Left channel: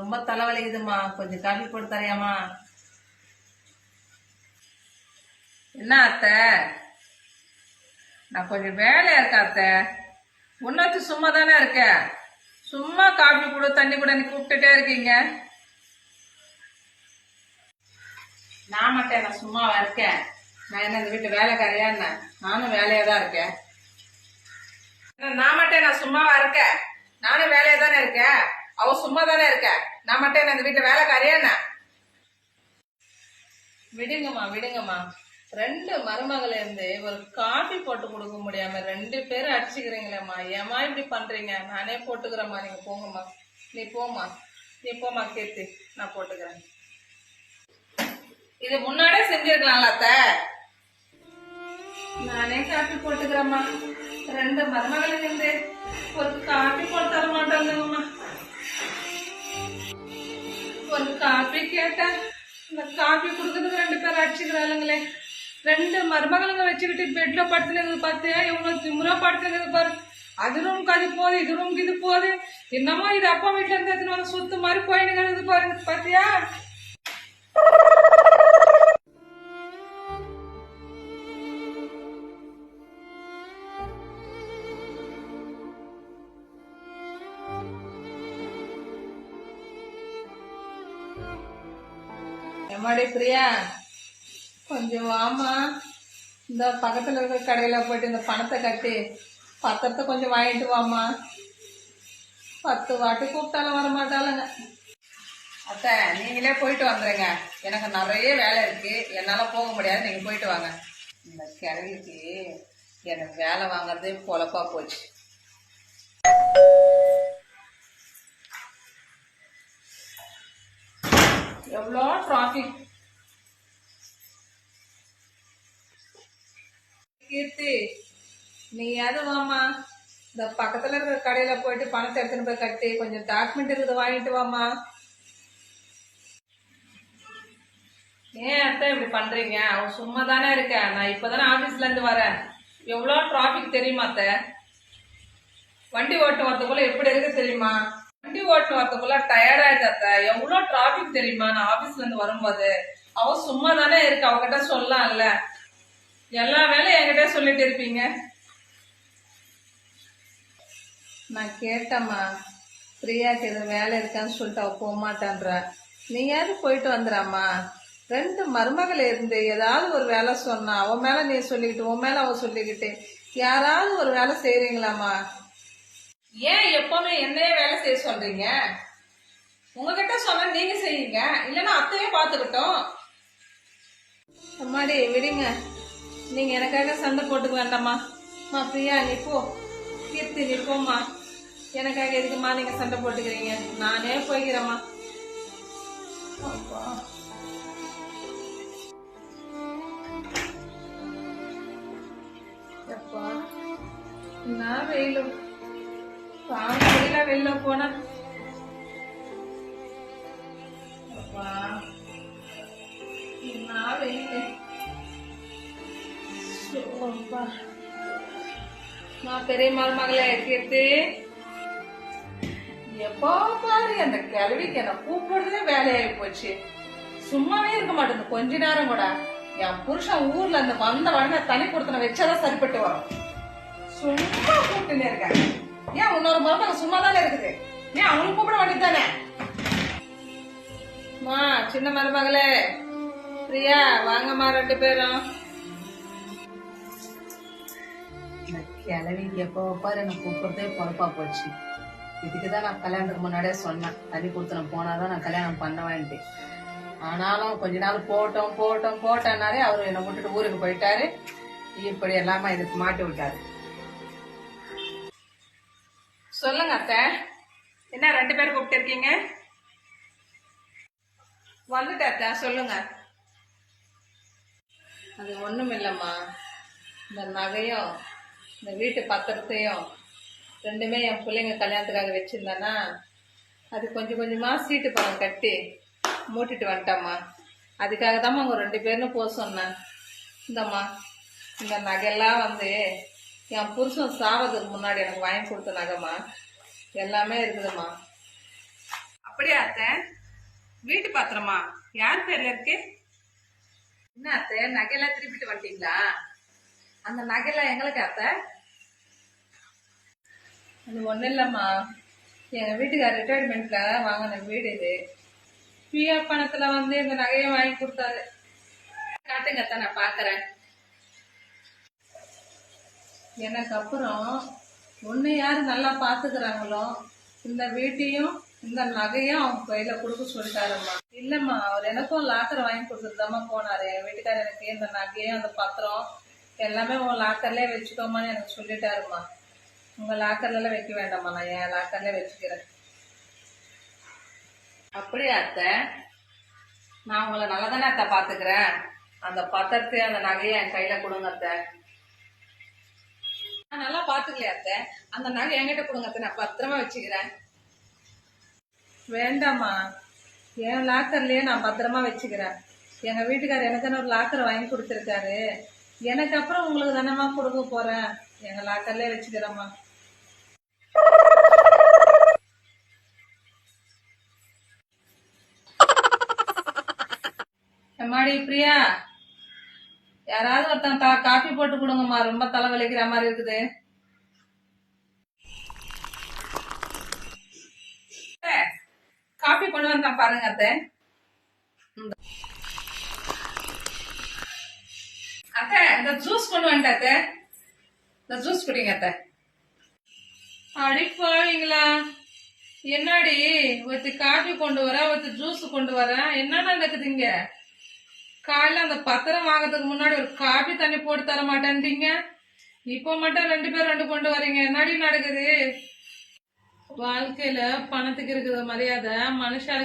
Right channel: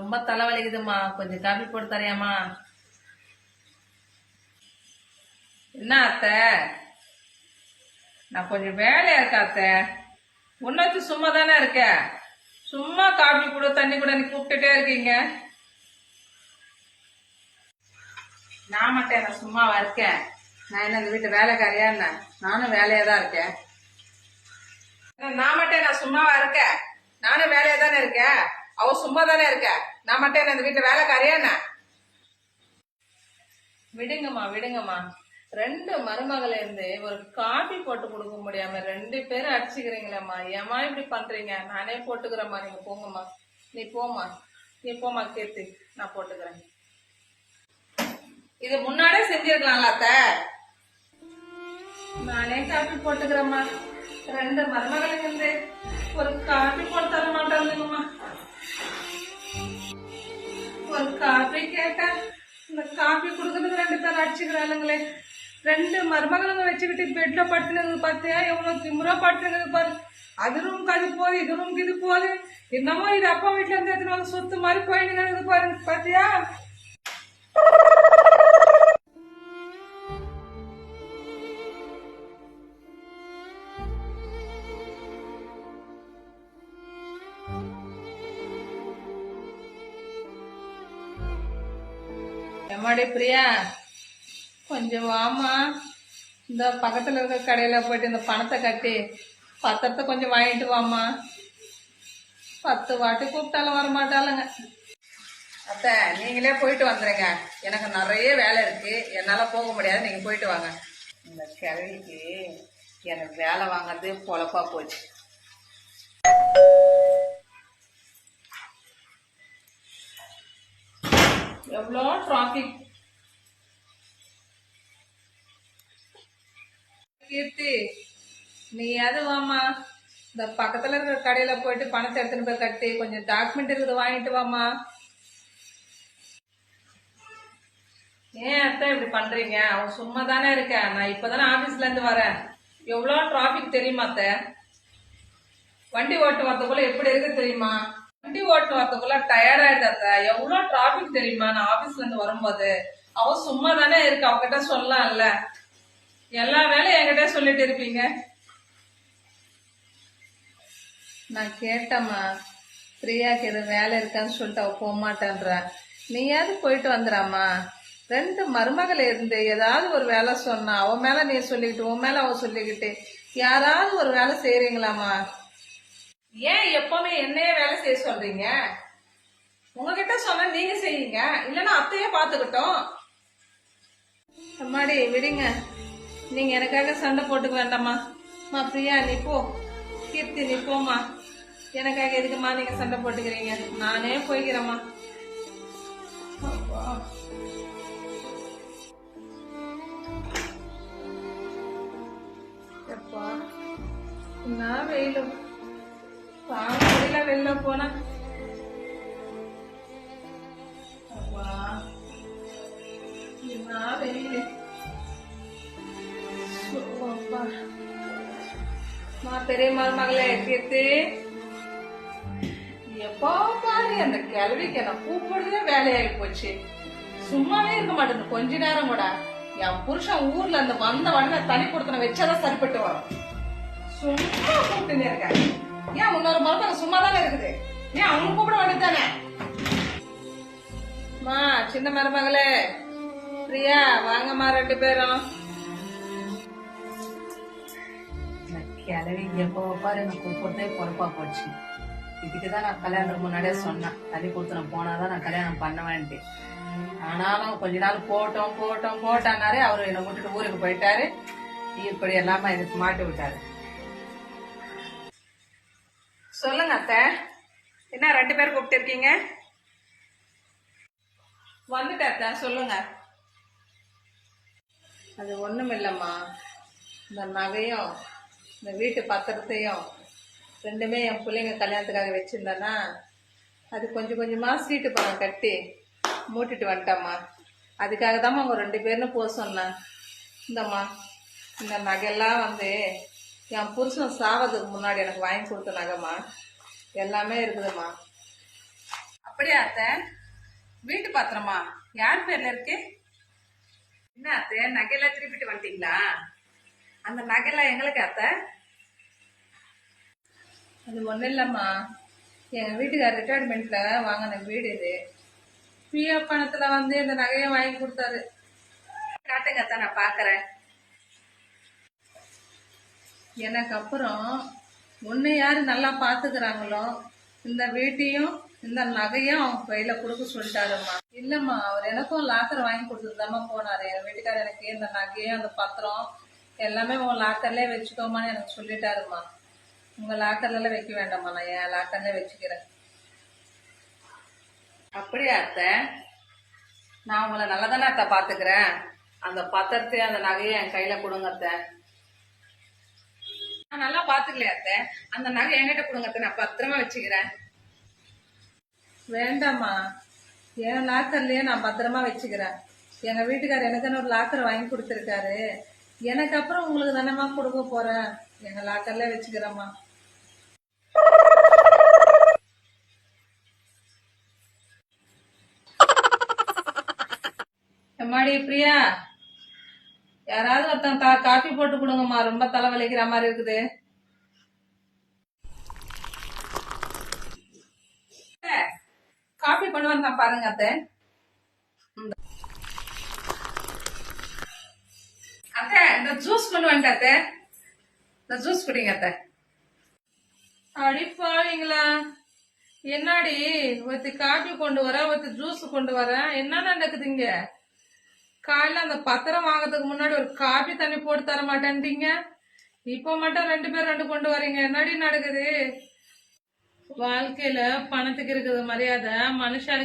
ரொம்ப தலைவலிக்குதுமா, கொஞ்சம் காபி போட்டு தரையாமா? என்ன அத்தை, நான் கொஞ்சம் வேலையா இருக்கேன் அத்தை. உன்னாச்சு சும்மா தானே இருக்க, சும்மா காபி கூட தண்ணி கூட கூப்பிட்டுட்டே இருக்கீங்க. நான் மட்டும் நான் சும்மாவா இருக்கேன்? நான் என்ன இந்த வீட்டு வேலைக்காரியா என்ன? நானும் வேலையா தான் இருக்கேன். நான் மட்டும் நான் சும்மாவா இருக்கேன்? நானும் வேலையா தானே இருக்கேன். அவ சும்மா தானே இருக்க. நான் மட்டும் என்ன இந்த வீட்டு வேலைக்காரியா என்ன? விடுங்கம்மா விடுங்கம்மா. 2 மருமகளை இருந்து ஒரு காபி போட்டு கொடுக்க முடியாம 2 பேரும் அடிச்சுக்கிறீங்களேம்மா. ஏமா இப்படி பண்றீங்க? நானே போட்டுக்கிறேம்மா, நீங்க போங்கம்மா. நீ போமா கீர்த்தி, நான் போட்டுக்கிறேன். இது முன்னாடியே செஞ்சிருக்கலாம்ல அத்தை. நானே காபி போட்டுக்கிறேம்மா. 2 மருமகளுக்கு இருந்து ஒரு காபி போட்டு தர மாட்டாங்கம்மா. ஒரு காபி கேட்டா இந்த காபி குடுக்கறதுக்கு 2 பேர் அடிச்சுக்கிறாளுங்களே. 2 மருமகளுங்க வச்சுக்கிட்டு பெட்ல படுத்துனது பார்த்தியா? எவ்வளவு திமுறா படுத்துனது பாரு. அது ரூம்க்கு அது போகுது, இது ரூம்க்கு இது போகுது. என்னமோ இது அப்பா வீட்டுல இருந்து எடுத்துன்னு வந்து சுத்து மாதிரி போயிடுங்கிறது பாருங்க, பாத்தியா? எம்மாடி பிரியா, கொஞ்சம் வாமா. இந்த பக்கத்துல இருக்க கடையில போயிட்டு இந்த பணத்தை கட்டி பத்திரத்தை கொஞ்சம் வாங்கிட்டு வாமா. 10 வாட்டி கூப்பிட்டாலும் வரமாட்டாளுங்க. அத்தை, நீங்களே போயிட்டு வந்துருங்க. எனக்கு நிறைய வேலை இருக்கு, என்னால போக முடியாது. நீங்க போயிட்டு வாங்க. இந்த கிழவிக்கு எனக்கு வேலை வாங்குறதே பொழப்பா போச்சு. எவ்வளோ டிராபிக். கீர்த்தி, நீ வாமா. இந்த பக்கத்துல இருக்கிற கடையில போயிட்டு பணத்தை எடுத்துன்னு போய் கட்டி கொஞ்சம் டாக்குமெண்ட் இருக்குது வாங்கிட்டு வாமா. ஏன் அத்தை இப்படி பண்றீங்க? அவன் சும்மா தானே இருக்க. நான் இப்பதானே ஆபீஸ்ல இருந்து வரேன். எவ்வளோ டிராபிக் தெரியுமா அத்தை? வண்டி ஓட்டு வரதுக்குள்ள எப்படி இருக்கு தெரியுமா? வண்டி ஓட்டு வரதுக்குள்ள டயர் ஆயிடுது அத்தை. எவ்வளோ டிராபிக் தெரியுமா? நான் ஆபீஸ்ல இருந்து வரும்போது அவன் சும்மா தானே இருக்கு. அவகிட்ட சொல்லலாம்ல. எல்லா வேலையும் என்கிட்ட சொல்லிட்டு இருப்பீங்க. நான் கேட்டம்மா, பிரியாக்கு எது வேலை இருக்கான்னு சொல்லிட்டு அவ போக மாட்டேன்ற. நீயாவது போயிட்டு வந்துடாமா. 2 மருமகளை இருந்து ஏதாவது ஒரு வேலை சொன்னா அவன் மேல நீ சொல்லிக்கிட்டு, உன் மேல அவ சொல்லிக்கிட்டு, யாராவது ஒரு வேலை செய்யறீங்களாமா? ஏன் எப்பவுமே என்னையே வேலை செய்ய சொல்றீங்க? உங்ககிட்ட சொன்ன நீங்க செய்யுங்க, இல்லைன்னா அத்தையே பாத்துக்கிட்டோம். அம்மாடி விடுங்க, நீங்க எனக்காக சண்டை போட்டுக்க வேண்டாமா. பிரியா நீ போ. கீர்த்தி நீ போமா. எனக்காக எதுக்குமா நீங்க சண்டை போட்டுக்கிறீங்க? நானே போய்க்கிறேம்மா. எப்பா நான் வெயிலும் தாங்க முடியல வெளில போன. அப்பா நான் வெயிலு. நான் பெரிய மருமகளே கீர்த்தி, எப்போ பாரு அந்த கிழவிக்கு என்ன கூப்பிடுறதே வேலையாகி போச்சு. சும்மாவே இருக்க மாட்டேங்குது கொஞ்ச நேரம் கூட. என் புருஷன் ஊர்ல இருந்து வந்த உடனே தனி கொடுத்தன வச்சாதான் சரிப்பட்டு வரும். சும்மா கூப்பிட்டுன்னு இருக்கேன். ஏன் இன்னொரு மருமக சும்மா தானே இருக்குது? ஏன் அவனுக்கு கூப்பிட வேண்டியதானே? சின்ன மருமகளே பிரியா வாங்கம்மா, 2 பேரும். கிளவி எப்போ பாரு எனக்கு கூப்பிடுறதே பொறுப்பா போச்சு. இதுக்குதான் நான் கல்யாணத்துக்கு முன்னாடியே சொன்னேன், தள்ளி கொடுத்துன போனாதான் நான் கல்யாணம் பண்ணுவேன்ட்டு. ஆனாலும் கொஞ்ச நாள் போட்டோம்னாரே அவரு என்னை விட்டுட்டு ஊருக்கு போயிட்டாரு. இப்படி எல்லாமே இதுக்கு மாட்டி விட்டாரு. சொல்லுங்க அத்தை, என்ன 2 பேர் கூப்பிட்டு இருக்கீங்க? வந்துட்டேன் அத்தை, சொல்லுங்க. அது ஒண்ணும் இல்லம்மா, இந்த நகையும் இந்த வீட்டு பத்திரத்தையும் 2மே என் பிள்ளைங்க கல்யாணத்துக்காக வச்சிருந்தேன்னா அது கொஞ்சம் கொஞ்சமா சீட்டு பணம் கட்டி மூட்டிட்டு வந்துட்டம்மா. அதுக்காக தாம்மா அவங்க 2 பேரும் போக சொன்னேன். இந்தம்மா இந்த நகையெல்லாம் என் புருஷன் சாவதுக்கு முன்னாடி எனக்கு வாங்கி கொடுத்த நகைம்மா. எல்லாமே இருக்குதும்மா. அப்ப அப்படியா அத்தை? வீட்டு பாத்திரமா? யார் பேர்ல இருக்கு? என்ன அத்தை, நகையெல்லாம் திருப்பிட்டு வந்துட்டீங்களா? அந்த நகையெல்லாம் எங்களுக்கு அத்தை? அது ஒன்றும் இல்லைம்மா, எங்கள் வீட்டுக்கார் ரிட்டையர்மெண்ட்ல வாங்கின வீடு இது. பிஎஃப் பணத்துல இந்த நகையை வாங்கி கொடுத்தாரு. காட்டுங்க அத்தை, நான் பார்க்கறேன். எனக்கு அப்புறம் ஒன்று யார் நல்லா பார்த்துக்கிறாங்களோ இந்த வீட்டையும் இந்த நகையும் அவங்க கையில கொடுக்க சொல்லிட்டாருமா. இல்லம்மா, அவர் எனக்கும் லாக்கர் வாங்கி கொடுத்துட்டுதாம்மா போனாரு. என் வீட்டுக்காரர் எனக்கு இந்த நகையும் அந்த பத்திரம் எல்லாமே உங்க லாக்கர்லயே வச்சுக்கோமான்னு எனக்கு சொல்லிட்டாருமா. உங்க லாக்கர்ல எல்லாம் வைக்க வேண்டாம்மா, நான் என் லாக்கர்ல வச்சுக்கிறேன். அப்படியா அத்தை? நான் உங்களை நல்லா தானே அத்தை பாத்துக்கிறேன். அந்த பத்திரத்தை அந்த நகையை என் கையில கொடுங்க அத்தை. நான் நல்லா பாத்துக்கலையா அத்தை? அந்த நகை என்கிட்ட கொடுங்க அத்தை, நான் பத்திரமா வச்சுக்கிறேன். வேண்டாம்மா, என் லாக்கர்லயே நான் பத்திரமா வச்சுக்கிறேன். எங்க வீட்டுக்காரர் எனக்குன்னு ஒரு லாக்கர் வாங்கி கொடுத்துருக்காரு. எனக்கு அப்புறம் உங்களுக்கு தானேம்மா கொடுக்க போறேன். எங்க லாக்கர்லயே வச்சுக்கிறேம்மா. எம்மாடி பிரியா, யாராவது ஒருத்தன் காஃபி போட்டு கொடுங்கம்மா, ரொம்ப தலைவலிக்கிற மாதிரி இருக்குது. காஃபி கொண்டு வந்தேன் பாருங்க அத்தை. அத்தை, இந்த ஜூஸ் கொண்டு வந்துட்டேன் அத்தை. இந்த ஜூஸ் குடிங்க அத்தை. அடிப்பாவீங்களா? என்னடி ஒருத்தி காஃபி கொண்டு வர, ஒருத்தி ஜூஸ் கொண்டு வர, என்ன நடக்குதுங்க? காலையில அந்த பத்திரம் வாங்கறதுக்கு முன்னாடி ஒரு காபி தண்ணி போட்டு தர மாட்டேன்றீங்க, இப்ப மட்டும் 2 பேர் 2 கொண்டு வரீங்க. என்னடி நடக்குது? வாழ்க்கையில பணத்துக்கு இருக்குது மரியாதை, மனுஷாளுக்கு